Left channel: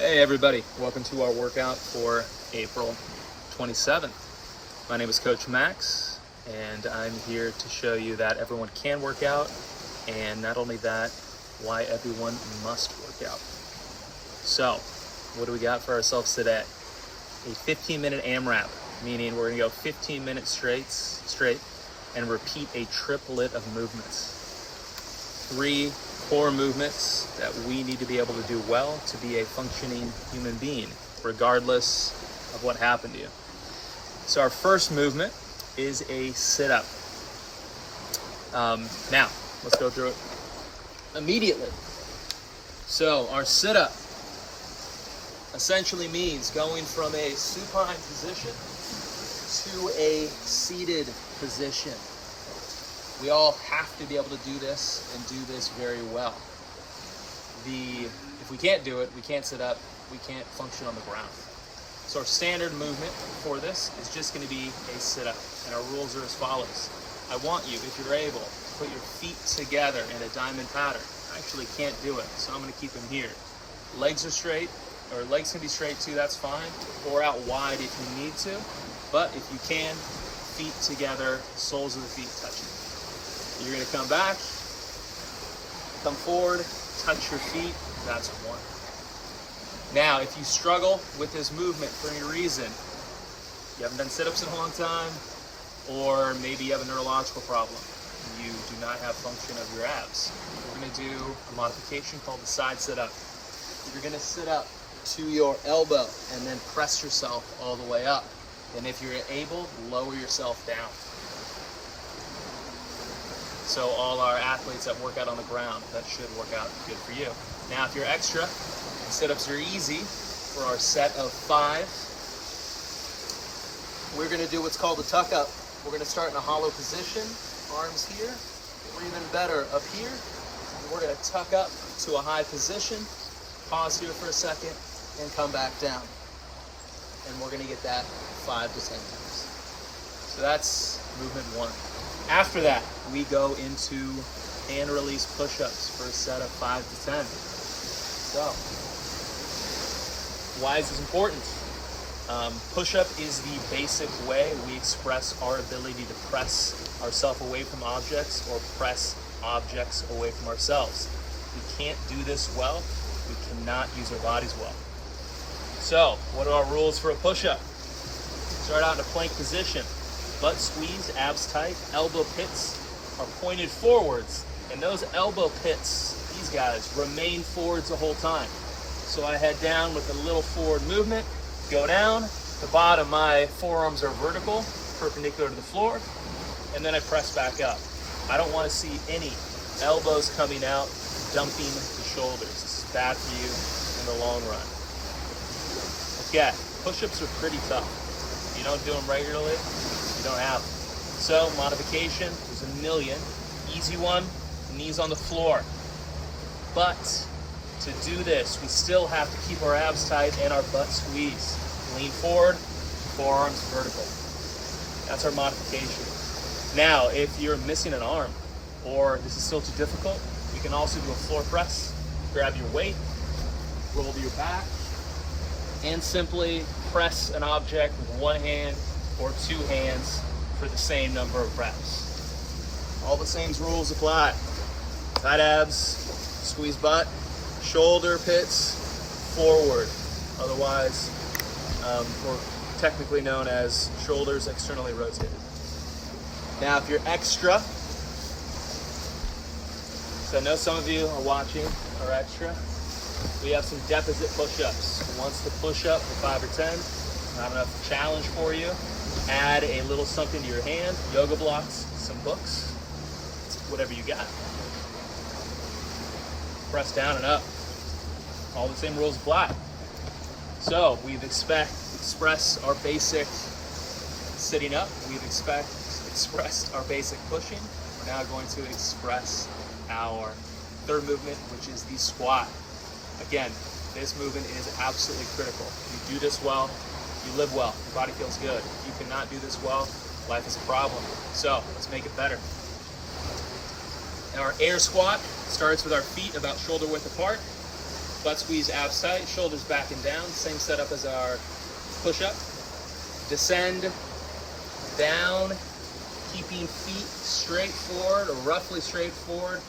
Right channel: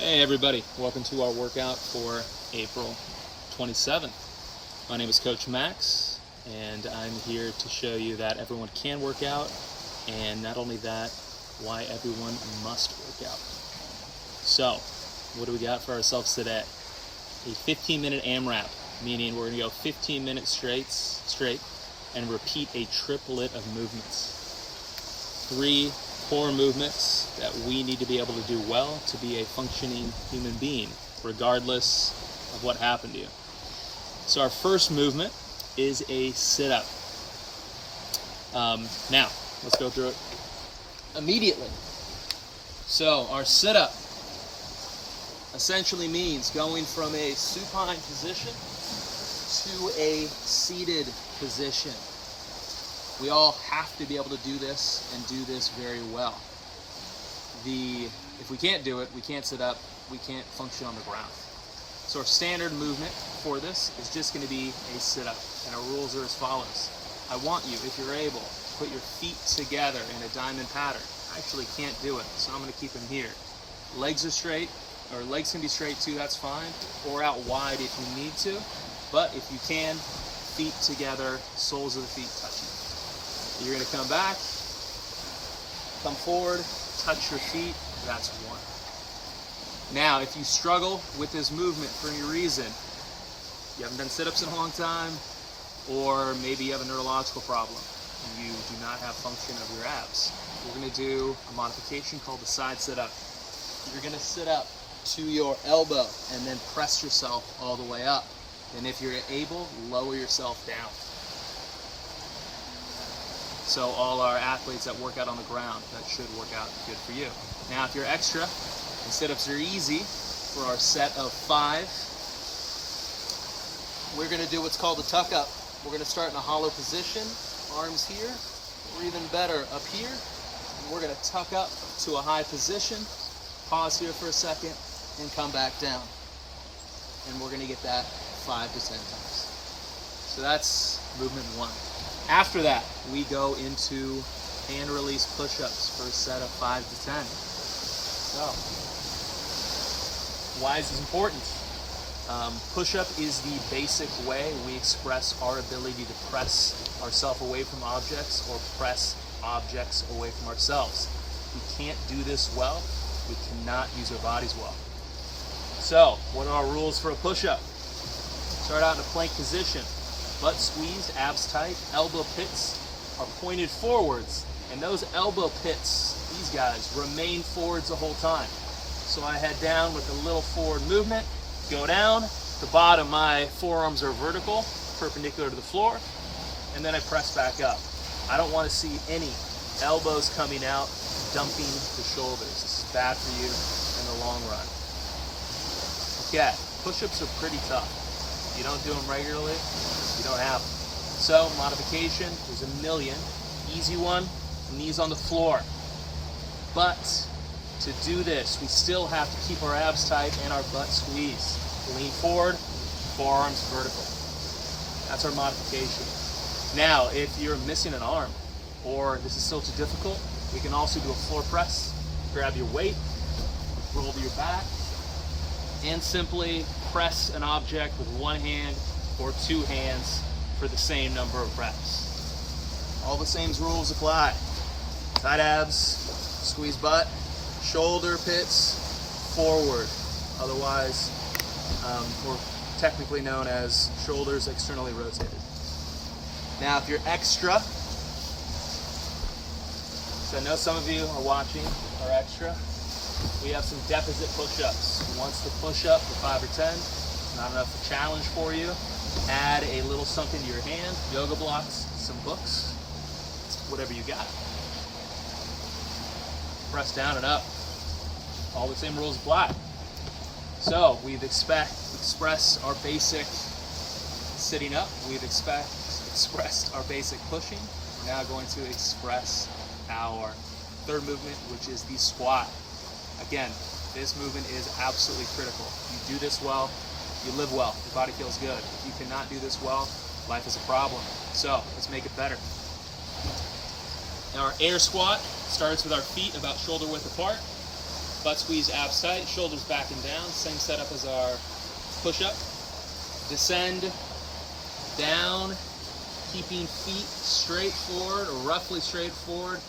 Hey everybody, welcome to our workout for April 27th. My name is Coach Max, and I'm here to show you that everyone can work out, and not only that, why everyone must work out. So, what do we got for ourselves today? A 15-minute AMRAP, meaning we're gonna go 15 minutes straight and repeat a triplet of movements. 3 core movements that we need to be able to do well to be a functioning human being, regardless of what happened to you. So our first movement is a sit-up. Now, let's go through it immediately. So our sit-up essentially means going from a supine position to a seated position. We all have to be able to do this and do this very well. If we can't do it, we can't sit up, we can't function on the ground. So our standard movement for this is just going to be a sit-up, and our rules are as follows. I want you, if you're able, to put your feet together in a diamond pattern. I actually can't do it, so I'm going to keep them here. Legs are straight, or legs can be straight too, that's fine, or out wide if you need to, but if you can, feet together, soles of the feet touching. You're going to come back, come forward, touch your feet, that's 1. Now, if you struggle with this movement for any reason, you haven't done sit-ups in a long time, or maybe you have a neurological problem, you do not have function of your abs, we're going to do a modification called the side sit-up. You're going to sit up to your elbow and then press yourself all the way up. And if you're able, lower yourself down. So all our athletes that work out on the ground, that should work out good for you. Now if you're extra, and sit-ups are easy, for our set of 5, we're going to do what's called a tuck-up. We're going to start in a hollow position, arms here, or even better, up here. And we're going to tuck up to a high position, pause here for a second, and come back down. And we're going to get that 5 to 10 times. So that's movement 1. After that, we go into hand release push-ups for a set of 5 to 10. So, why is this important? Push-up is the basic way we express our ability to press ourselves away from objects or press objects away from ourselves. If we can't do this well, we cannot use our bodies well. So, what are our rules for a push-up? Start out in a plank position. Butt squeeze, abs tight, elbow pits are pointed forwards, and those elbow pits, these guys, remain forwards the whole time. So I head down with a little forward movement, go down, the bottom, my forearms are vertical, perpendicular to the floor, and then I press back up. I don't want to see any elbows coming out, dumping the shoulders. This is bad for you in the long run. Okay, push-ups are pretty tough. If you don't do them regularly, you don't have them. So, modification, there's a million. Easy one, knees on the floor. But, to do this, we still have to keep our abs tight and our butt squeezed. Lean forward, forearms vertical. That's our modification. Now, if you're missing an arm, or this is still too difficult, we can also do a floor press. Grab your weight, roll to your back, and simply press an object with one hand or 2 hands for the same number of reps. All the same rules apply. Tight abs, squeeze butt, shoulder pits, forward. Otherwise, we're technically known as shoulders externally rotated. Now, if you're extra, so I know some of you are watching are extra, we have some deficit push-ups. Who wants to push up for 5 or 10? Not enough challenge for you. Add a little something to your hand, yoga blocks, some books, whatever you got. Press down and up. All the same rules apply. So we've expressed our basic sitting up. We've expressed our basic pushing. We're now going to express our third movement, which is the squat. Again, this movement is absolutely critical. You do this well, you live well, your body feels good. If you cannot do this well, life is a problem. So let's make it better. Our air squat starts with our feet about shoulder width apart, Butt squeeze, abs tight, shoulders back and down. Same setup as our push-up. Descend down, keeping feet straight forward or roughly straight forward.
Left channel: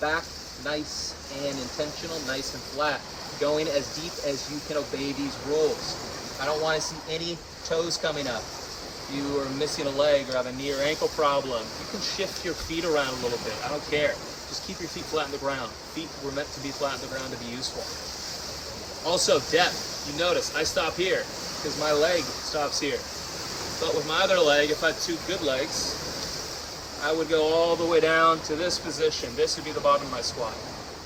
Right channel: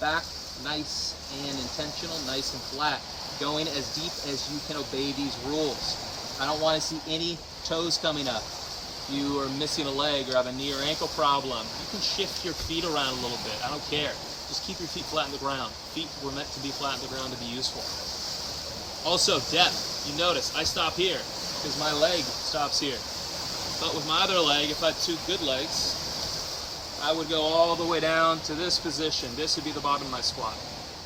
Back nice and intentional, nice and flat. Going as deep as you can obey these rules. I don't want to see any toes coming up. If you are missing a leg or have a knee or ankle problem, you can shift your feet around a little bit. I don't care. Just keep your feet flat on the ground. Feet were meant to be flat on the ground to be useful. Also, depth. You notice I stop here because my leg stops here. But with my other leg, if I had two good legs, I would go all the way down to this position. This would be the bottom of my squat.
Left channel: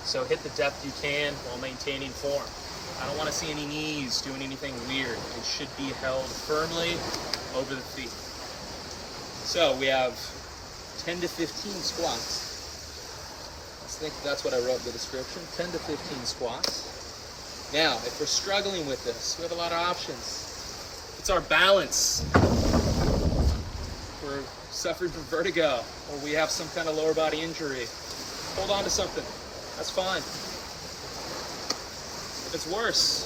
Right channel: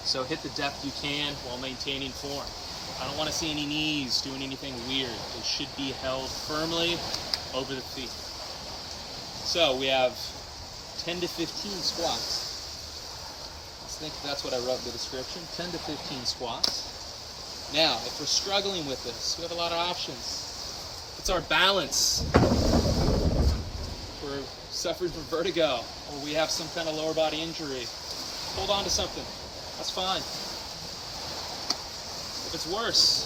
So hit the depth you can while maintaining form. I don't want to see any knees doing anything weird. It should be held firmly over the feet. So we have 10 to 15 squats. I think that's what I wrote in the description, 10 to 15 squats. Now, if we're struggling with this, we have a lot of options. It's our balance. We're suffering from vertigo, or we have some kind of lower body injury. Hold on to something. That's fine. If it's worse,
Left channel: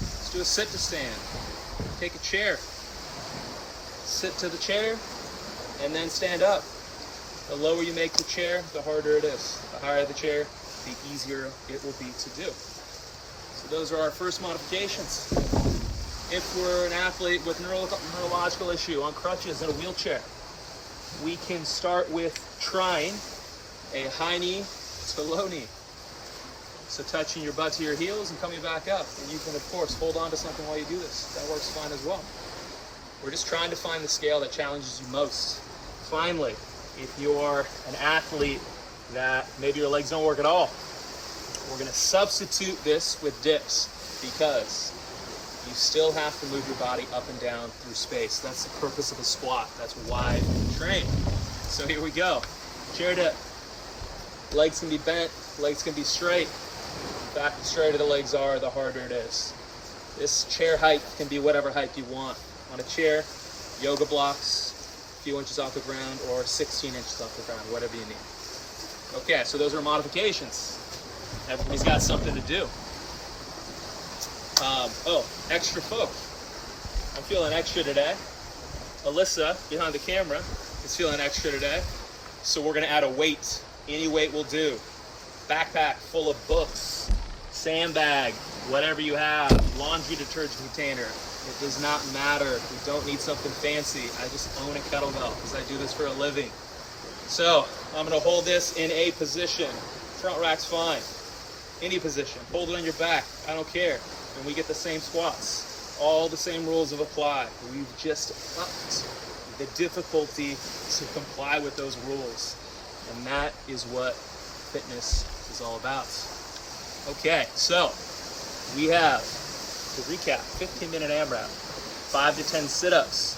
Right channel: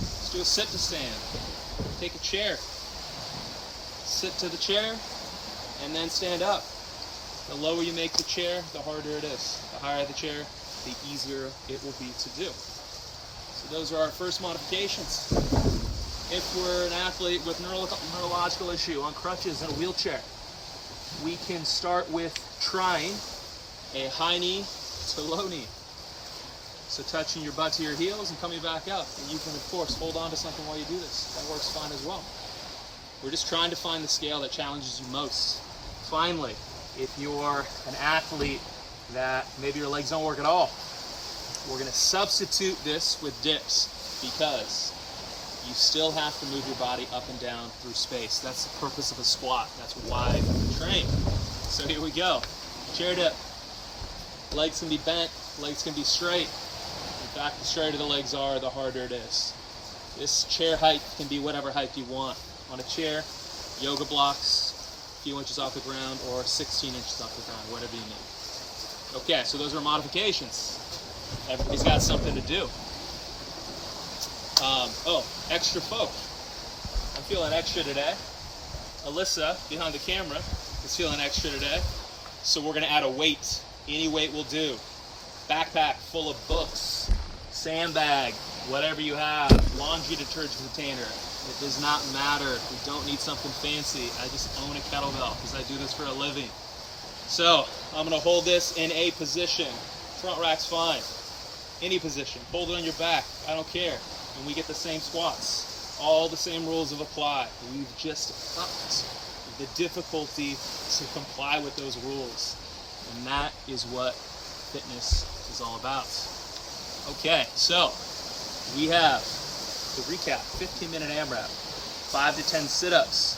let's do a sit to stand. Take a chair. Sit to the chair, and then stand up. The lower you make the chair, the harder it is. The higher the chair, the easier it will be to do. So those are our first modifications. If we're an athlete with neurological issue, on crutches, in a wheelchair, we can start with trying a high knee to low knee. So touching your butt to your heels and coming back up. And you can, of course, hold on to something while you do this. That works fine as well. We're just trying to find the scale that challenges you most. Finally, if you're an athlete that maybe your legs don't work at all, we're going to substitute this with dips because you still have to move your body up and down through space. That's the purpose of a squat. That's why we train. So here we go. Chair dip. Legs can be bent, legs can be straight. In fact, the straighter the legs are, the harder it is. This chair height can be whatever height you want. On a chair, yoga blocks, a few inches off the ground, or 16 inches off the ground, whatever you need. Okay, so those are modifications. Everybody's got something to do. Extra folk. I'm feeling extra today. Alyssa, behind the camera, is feeling extra today. So we're gonna add a weight. Any weight will do. Backpack full of books, sandbag, whatever you have, laundry detergent container. It does not matter. We don't need something fancy. I just own a kettlebell because I do this for a living. So I'm gonna hold this in a position. Front rack's fine. Any position. Hold it on your back. I don't care. And we get the same squats. All the same rules have applied. We've just upped the difficulty to comply with those rules. And that is what fitness is all about. Okay, so we have, to recap, 15-minute AMRAP, 5 to 10 sit-ups,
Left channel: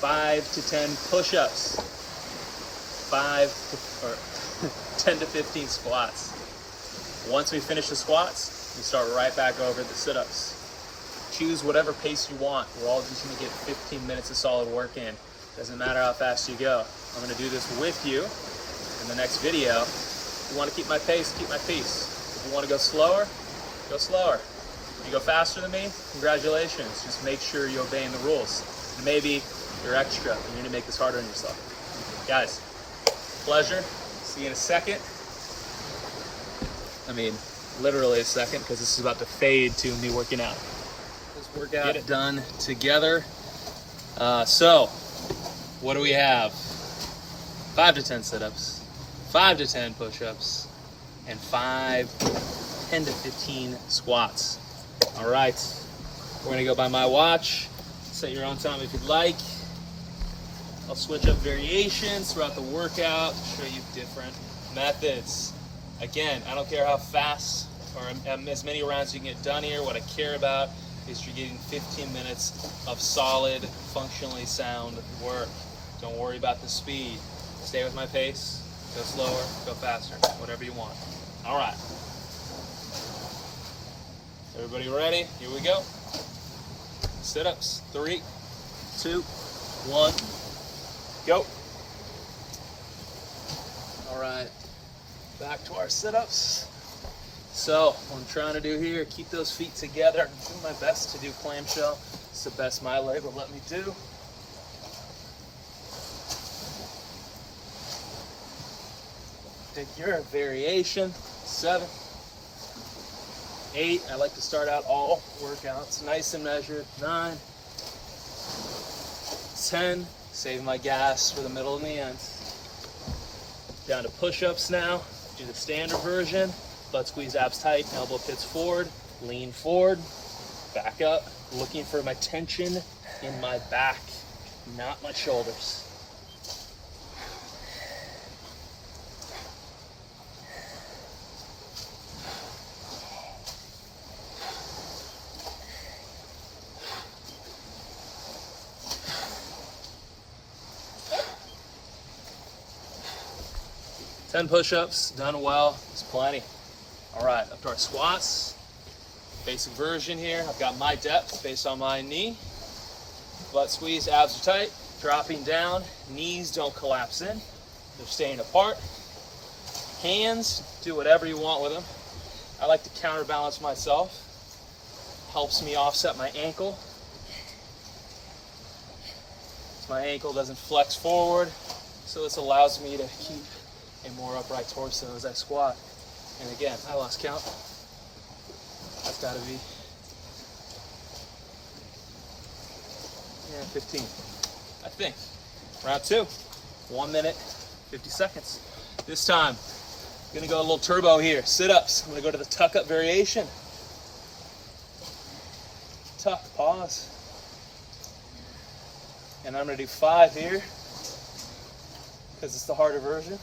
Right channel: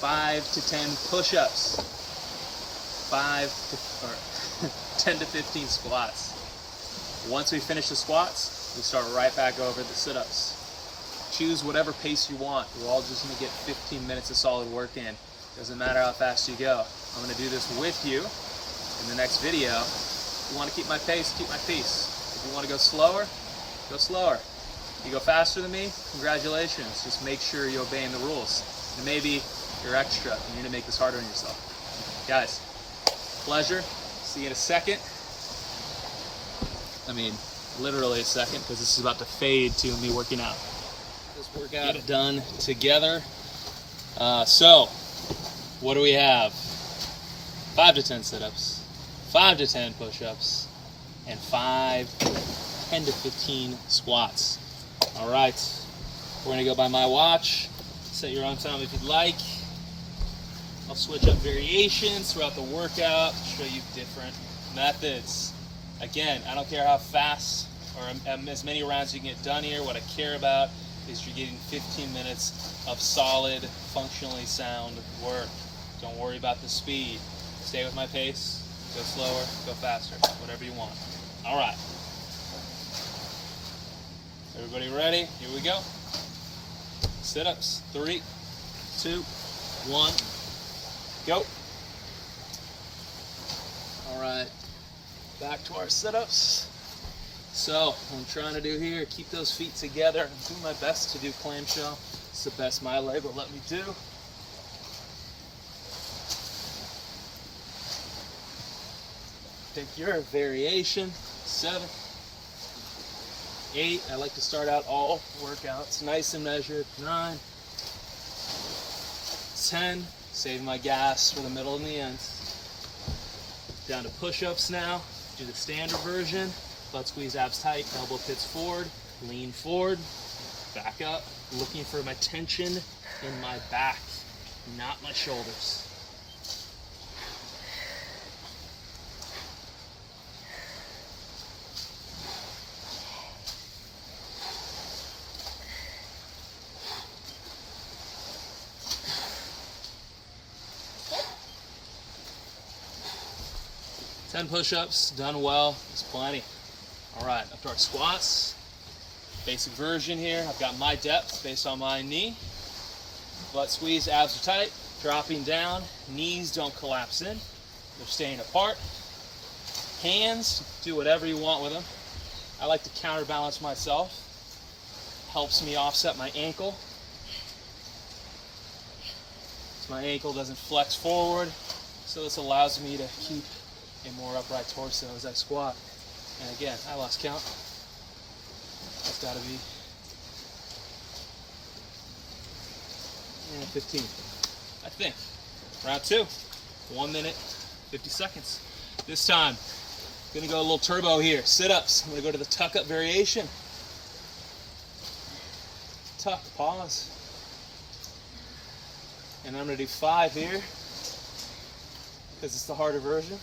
5 to 10 push-ups, 10 to 15 squats. Once we finish the squats, we start right back over the sit-ups. Choose whatever pace you want. We're all just going to get 15 minutes of solid work in. Doesn't matter how fast you go. I'm going to do this with you in the next video. If you want to keep my pace, keep my pace. If you want to go slower, go slower. If you go faster than me, congratulations. Just make sure you're obeying the rules. Maybe you're extra and you're going to make this harder on yourself. Guys, pleasure. See you in a second. I mean, literally a second, because this is about to fade to me working out. Let's work out. Get it done together. So, what do we have? 5 to 10 sit-ups, 5 to 10 push-ups, and 10 to 15 squats. All right, we're gonna go by my watch. Set your own time if you'd like. I'll switch up variations throughout the workout, show you different methods. Again, I don't care how fast or as many rounds you can get done here. What I care about is you're getting 15 minutes of solid, functionally sound work. Don't worry about the speed. Stay with my pace, go slower, go faster, whatever you want. All right. Everybody ready? Here we go. Sit-ups, 3, 2, 1, go. All right, back to our sit-ups. So what I'm trying to do here, keep those feet together. I'm doing my best to do clamshell. It's the best my leg will let me do. Pick your variation. 7, 8. I like to start out all workouts nice and measured. 9, 10. Save my gas for the middle and the end. Down to push-ups now. Do the standard version. Butt squeeze, abs tight, elbow pits forward, lean forward, back up, looking for my tension in my back, not my shoulders. Ten push-ups, done well, is plenty. All right, up to our squats. Basic version here. I've got my depth based on my knee. Butt squeeze, abs are tight. Dropping down, knees don't collapse in. They're staying apart. Hands, do whatever you want with them. I like to counterbalance myself. Helps me offset my ankle. So my ankle doesn't flex forward. So this allows me to keep a more upright torso as I squat. And again, I lost count. That's got to be 15, I think. Round 2, 1 minute, 50 seconds. This time, I'm gonna go a little turbo here. Sit-ups. I'm gonna go to the tuck-up variation. Tuck, pause. And I'm gonna do 5 here, because it's the harder version.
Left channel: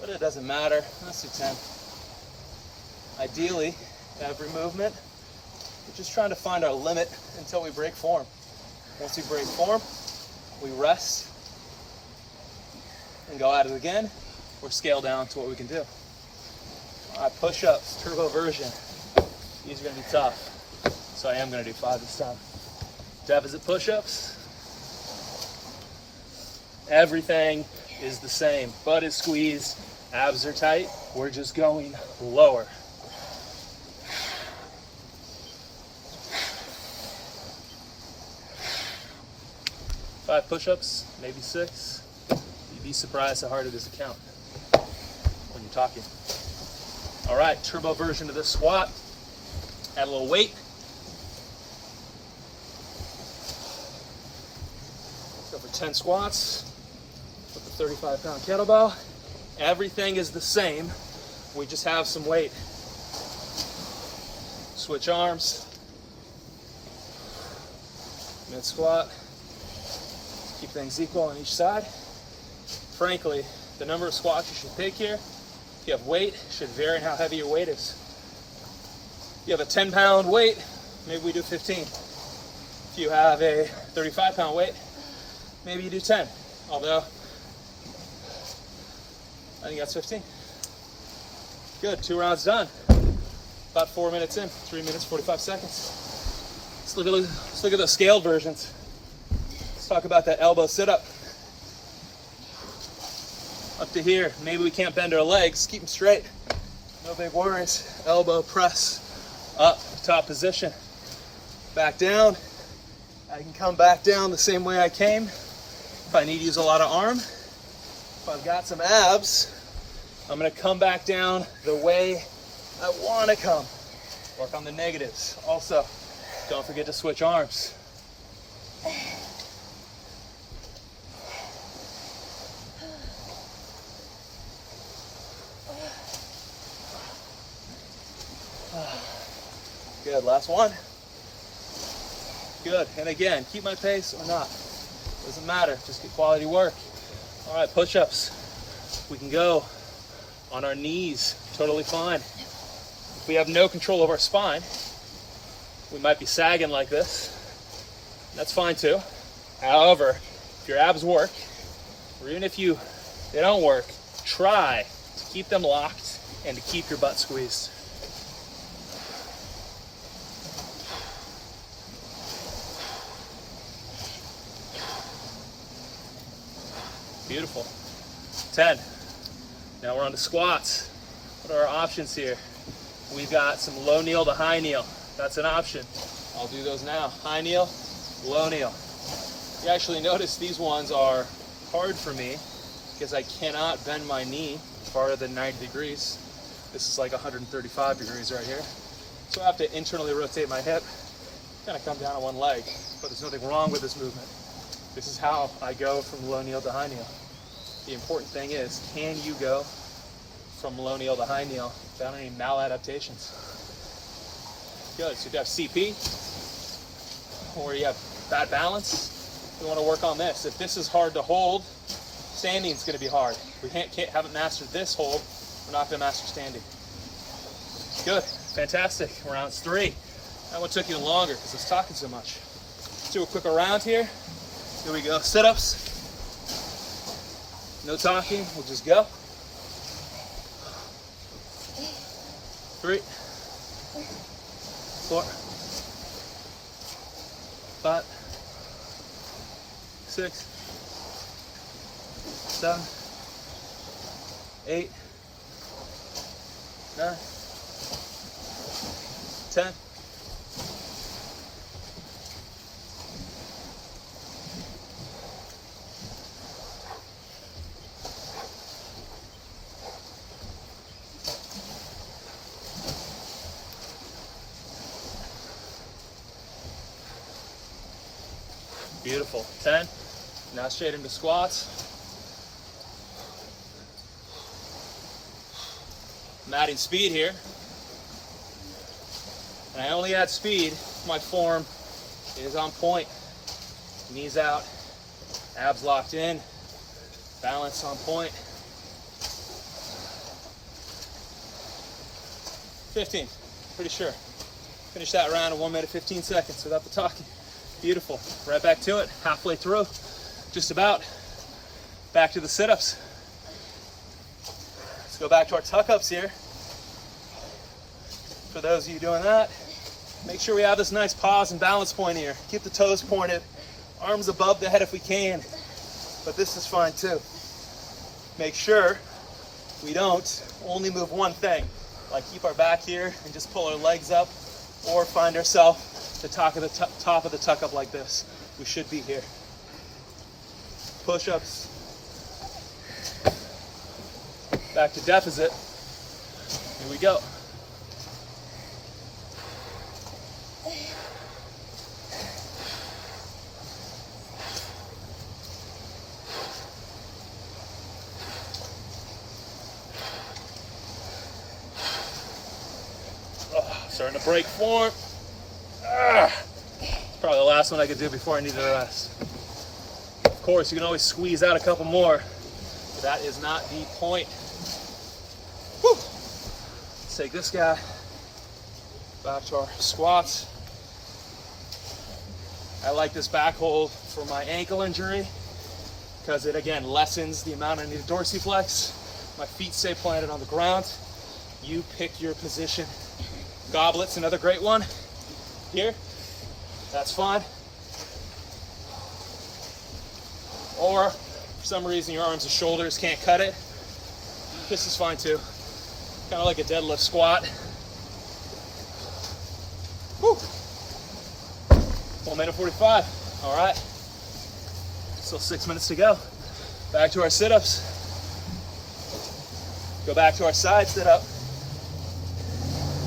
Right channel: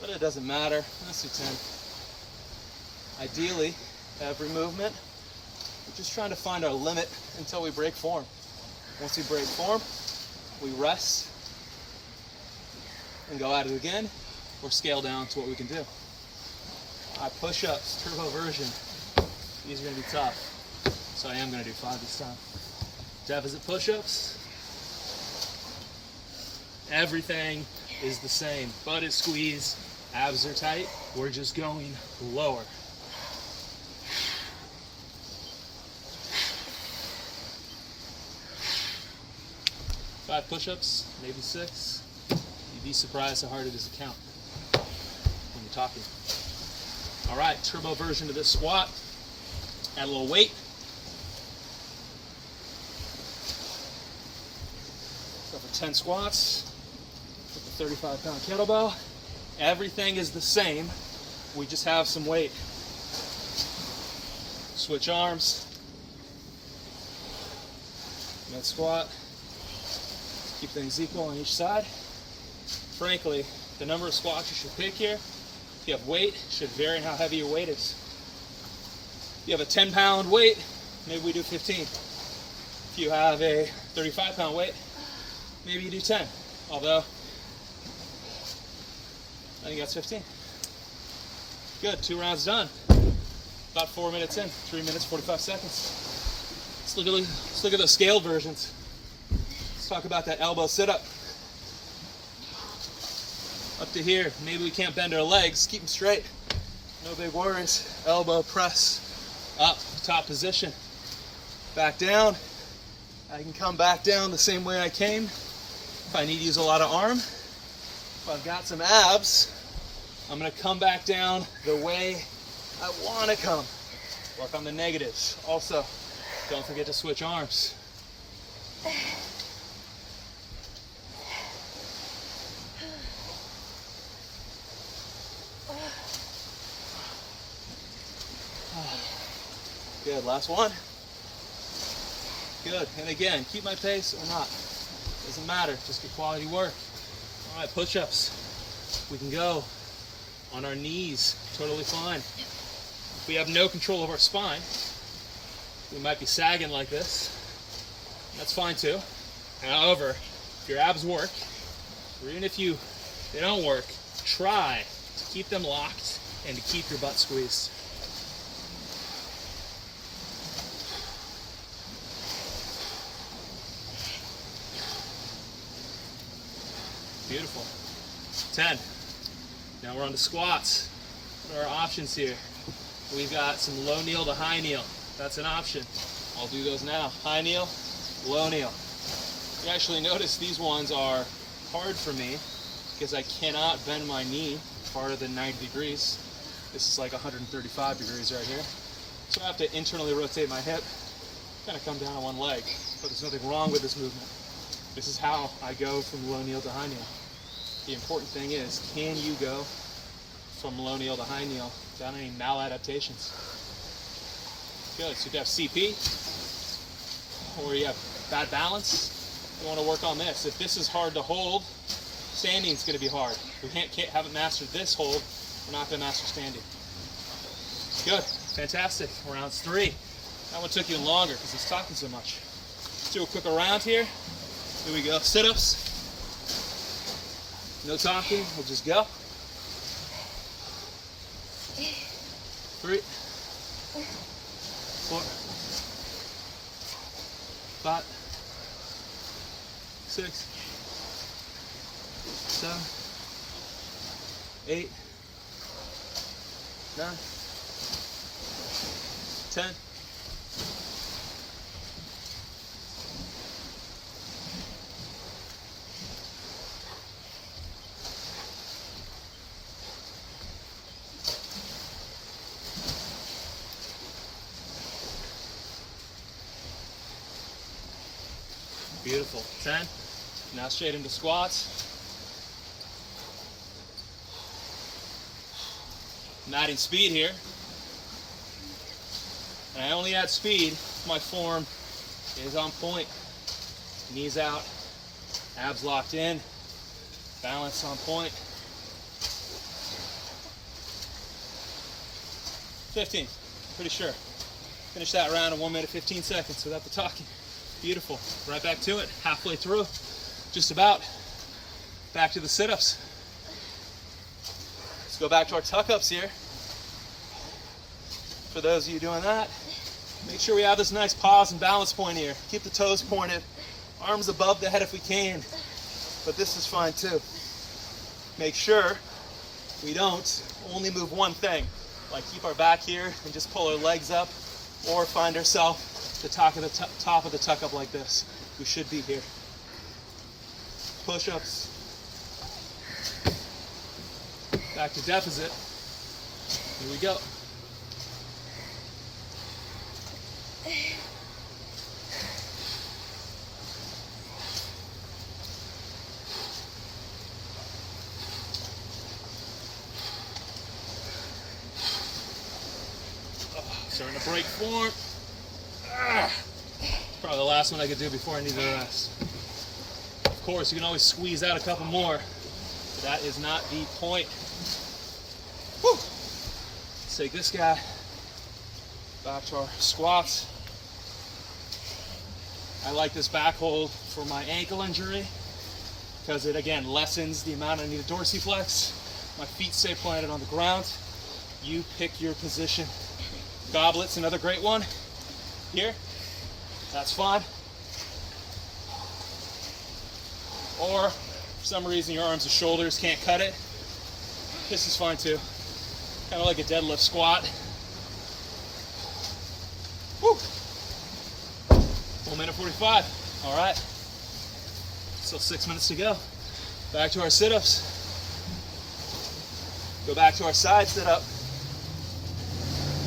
But it doesn't matter. Let's do 10. Ideally, every movement, we're just trying to find our limit until we break form. Once we break form, we rest and go at it again, or scale down to what we can do. All right, push-ups, turbo version. These are going to be tough, so I am going to do 5 this time. Deficit push-ups. Everything is the same. Butt is squeezed, abs are tight. We're just going lower. Five push-ups, maybe 6. You'd be surprised how hard it is to count when you're talking. All right, turbo version of this squat. Add a little weight. So for 10 squats, with the 35-pound kettlebell, everything is the same. We just have some weight. Switch arms. Mid squat. Keep things equal on each side. Frankly, the number of squats you should pick here, if you have weight, should vary in how heavy your weight is. If you have a 10-pound weight, maybe we do 15. If you have a 35-pound weight, maybe you do 10. Although, I think that's 15. Good, 2 rounds done. About 4 minutes in, 3 minutes, 45 seconds. Let's look at those scaled versions. Let's talk about that elbow sit-up. Up to here, maybe we can't bend our legs, keep them straight. No big worries. Elbow press, up, top position. Back down. I can come back down the same way I came. If I need to use a lot of arm, if I've got some abs, I'm gonna come back down the way I wanna come. Work on the negatives. Also, don't forget to switch arms. Good, last one. Good, and again, keep my pace or not. Doesn't matter, just get quality work. All right, push-ups. We can go on our knees, totally fine. If we have no control of our spine, we might be sagging like this. That's fine too. However, if your abs work, or even if they don't work, try to keep them locked and to keep your butt squeezed. Beautiful. 10. Now we're on to squats. What are our options here? We've got some low kneel to high kneel. That's an option. I'll do those now. High kneel, low kneel. You actually notice these ones are hard for me because I cannot bend my knee farther than 90 degrees. This is like 135 degrees right here. So I have to internally rotate my hip, kind of come down on one leg. But there's nothing wrong with this movement. This is how I go from low kneel to high kneel. The important thing is, can you go from low kneel to high kneel without any maladaptations? Good. So if you have CP or you have bad balance, you want to work on this. If this is hard to hold, standing is going to be hard. We haven't mastered this hold, we're not going to master standing. Good. Fantastic. Rounds 3. That one took even longer because I was talking so much. Let's do a quick round here. Here we go. Sit-ups. No talking. We'll just go. 3, 4, 5, 6, 7, 8, 9, 10. Beautiful. 10. Now straight into squats. I'm adding speed here. And I only add speed if my form is on point. Knees out, abs locked in, balance on point. 15, pretty sure. Finish that round in 1 minute, 15 seconds without the talking. Beautiful. Right back to it, halfway through. Just about. Back to the sit-ups. Let's go back to our tuck-ups here. For those of you doing that, make sure we have this nice pause and balance point here. Keep the toes pointed, arms above the head if we can, but this is fine too. Make sure we don't only move one thing, like keep our back here and just pull our legs up, or find ourselves the top of the tuck up like this. We should be here. Push-ups. Back to deficit. Here we go. Starting to break form. Probably the last one I could do before I need to rest. Of course, you can always squeeze out a couple more, but that is not the point. Whew. Let's take this guy back to our squats. I like this back hold for my ankle injury because it again lessens the amount I need to dorsiflex. My feet stay planted on the ground. You pick your position. Goblet's another great one. Here, that's fine. Or for some reason your arms and shoulders can't cut it, this is fine too. Kind of like a deadlift squat. Whew. 1 minute 45. All right. Still 6 minutes to go. Back to our sit-ups. Go back to our side sit-up.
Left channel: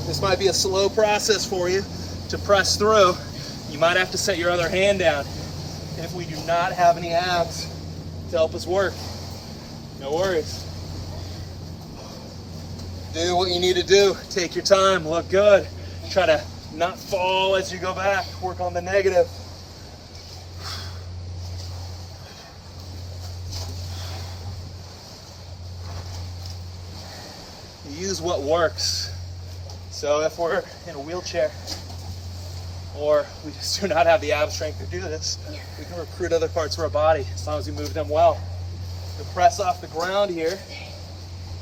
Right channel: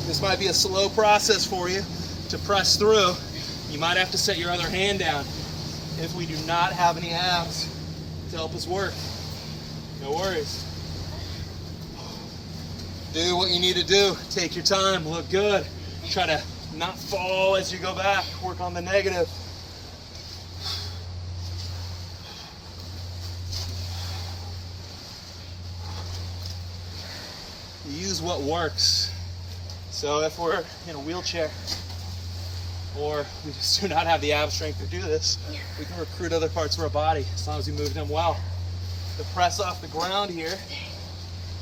This might be a slow process for you to press through. You might have to set your other hand down if we do not have any abs to help us work. No worries. Do what you need to do. Take your time, look good. Try to not fall as you go back. Work on the negative. Use what works. So if we're in a wheelchair or we just do not have the ab strength to do this, we can recruit other parts of our body as long as we move them well. The press off the ground here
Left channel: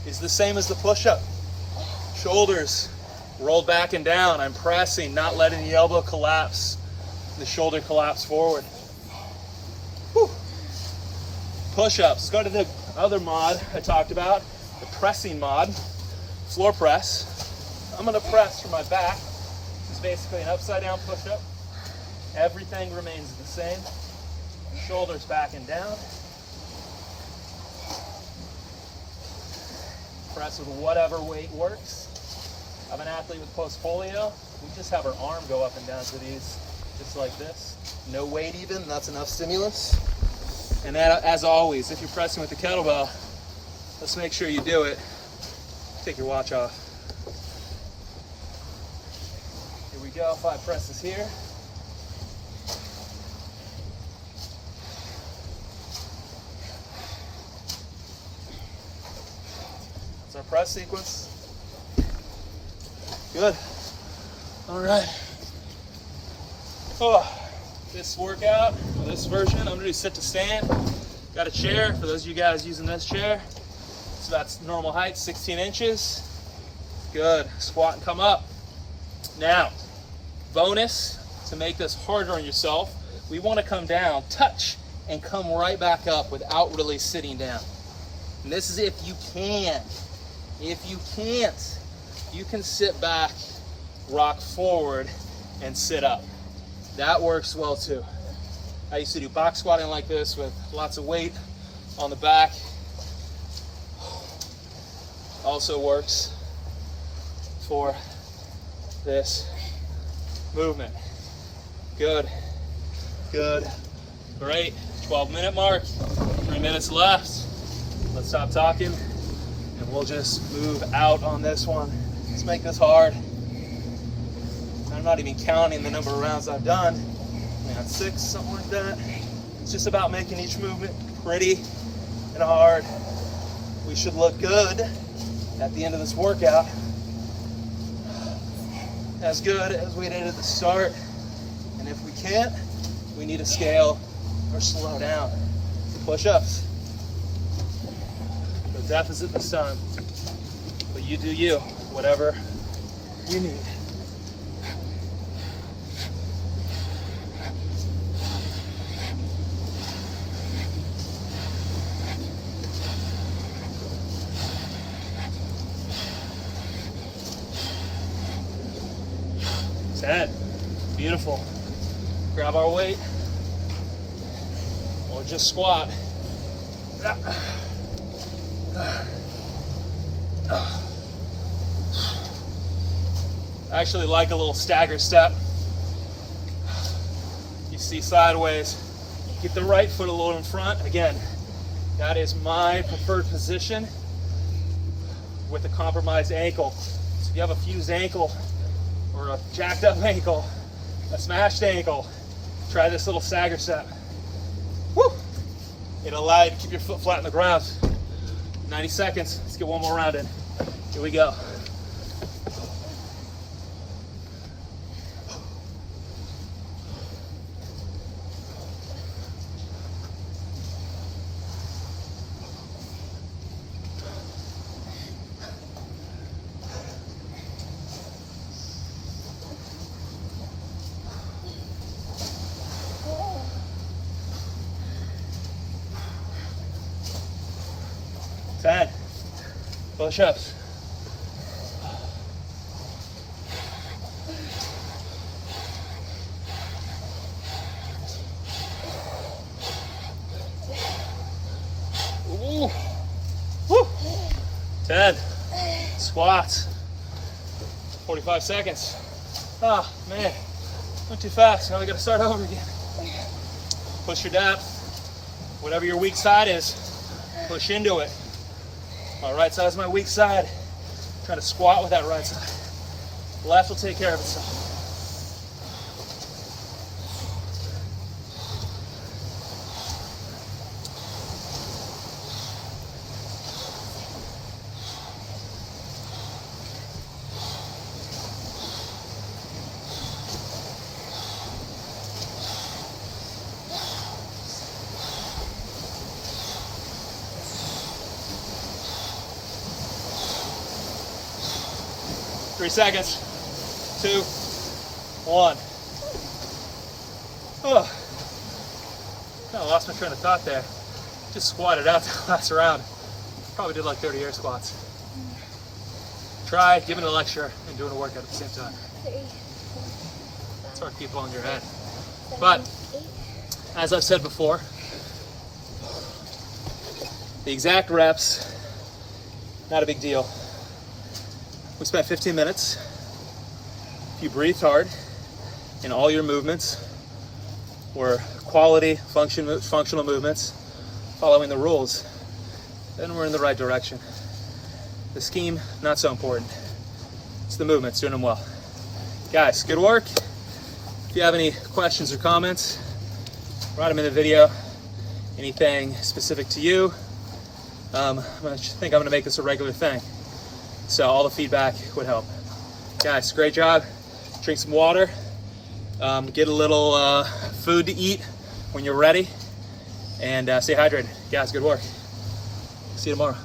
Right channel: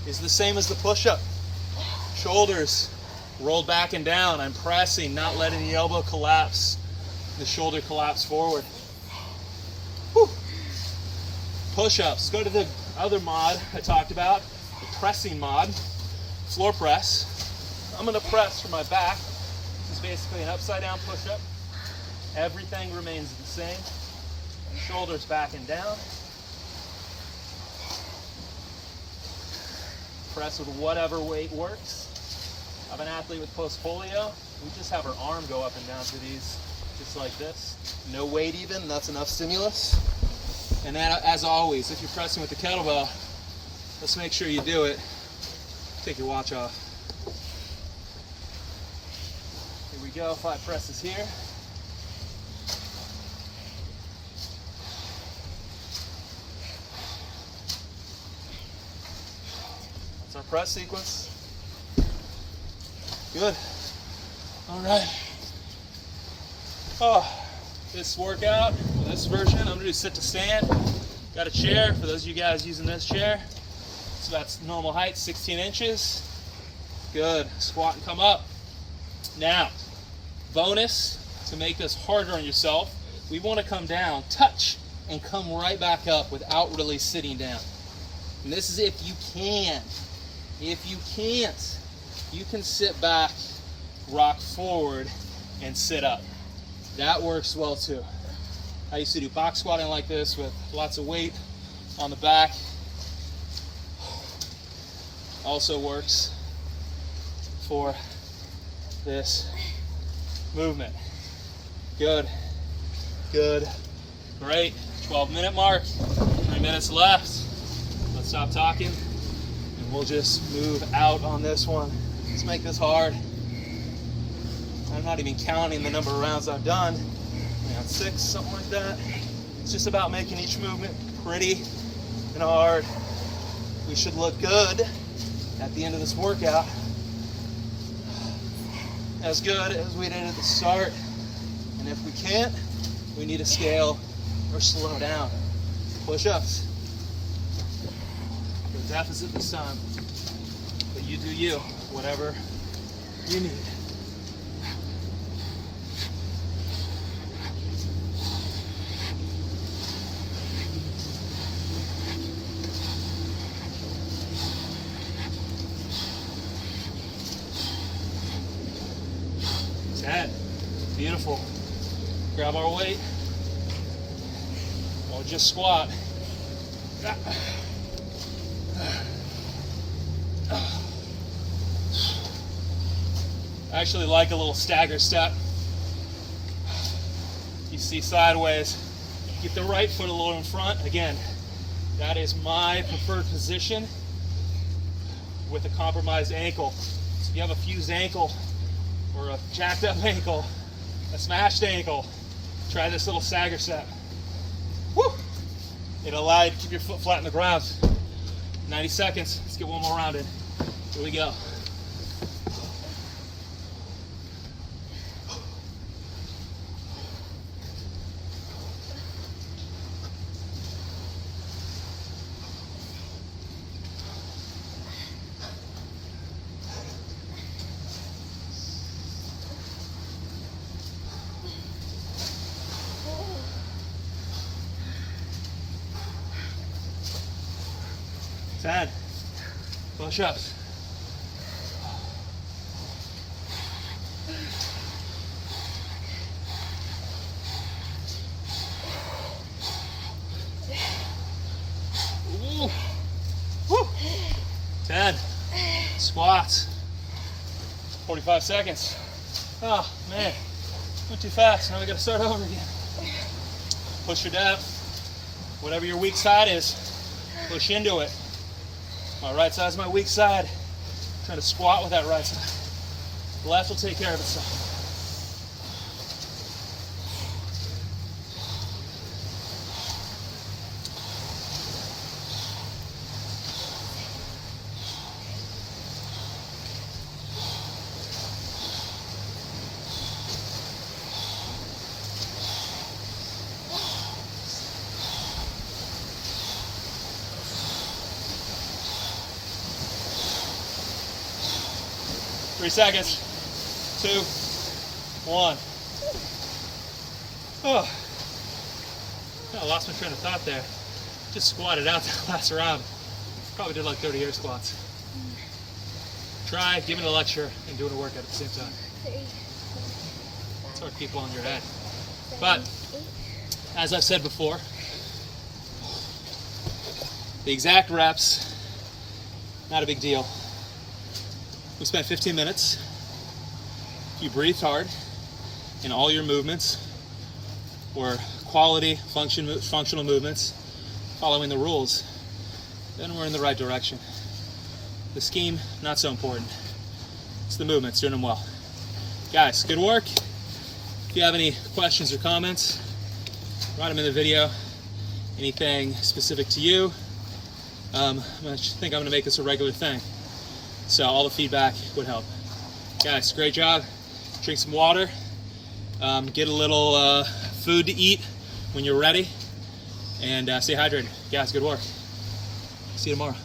is the same as the push-up. Shoulders rolled back and down. I'm pressing, not letting the elbow collapse, the shoulder collapse forward. Whew. Push-ups. Let's go to the other mod I talked about, the pressing mod, floor press. I'm going to press for my back. This is basically an upside down push-up. Everything remains the same. Shoulders back and down. Press with whatever weight works. I have an athlete with post polio. We just have her arm go up and down for these, just like this. No weight even, that's enough stimulus. And that, as always, if you're pressing with the kettlebell, let's make sure you do it. Take your watch off. Here we go, 5 presses here. That's our press sequence. Good. All right. Oh, this workout, this version, I'm gonna do sit to stand. Got a chair, for those of you guys using this chair. It's about normal height, 16 inches. Good, squat and come up. Now, bonus, to make this harder on yourself, we wanna come down, touch, and come right back up without really sitting down. And this is if you can. If you can't, you can sit back, rock forward, and sit up. That works well too. I used to do box squatting like this with lots of weight on the back. Also works for this movement. Good, good, great. 12-minute mark, 3 minutes left. Let's stop talking and we'll just move out on this one. Let's make this hard. I'm not even counting the number of rounds I've done. Yeah, 6, something like that. It's just about making each movement pretty and hard. We should look good at the end of this workout. As good as we did at the start. And if we can't, we need to scale or slow down. Push-ups. No deficit this time. But you do you, whatever you need. Sad. Beautiful. Grab our weight or just squat. I actually like a little stagger step. You see sideways. Get the right foot a little in front. Again, that is my preferred position with a compromised ankle. So if you have a fused ankle or a jacked up ankle, a smashed ankle, try this little stagger step. Woo! It'll allow you to keep your foot flat on the ground. 90 seconds. Let's get one more round in. Here we go. Sad. Push-ups. Ooh. Woo. 10. Squats. 45 seconds. Oh, man. Went too fast. Now we got to start over again. Push your depth. Whatever your weak side is, push into it. My right side is my weak side. Try to squat with that right side. Left will take care of itself. Three seconds. 2, 1. Oh, I lost my train of thought there. Just squatted out the last round. Probably did like 30 air squats. Try giving a lecture and doing a workout at the same time. It's hard to keep on your head. But as I've said before, the exact reps, not a big deal. We spent 15 minutes. If you breathed hard and all your movements were quality functional movements, following the rules, then we're in the right direction. The scheme, not so important. It's the movements, doing them well. Guys, good work. If you have any questions or comments, write them in the video. Anything specific to you, I think I'm gonna make this a regular thing. So all the feedback would help. Guys, great job. Drink some water. Get a little food to eat when you're ready. And stay hydrated. Guys, good work. See you tomorrow.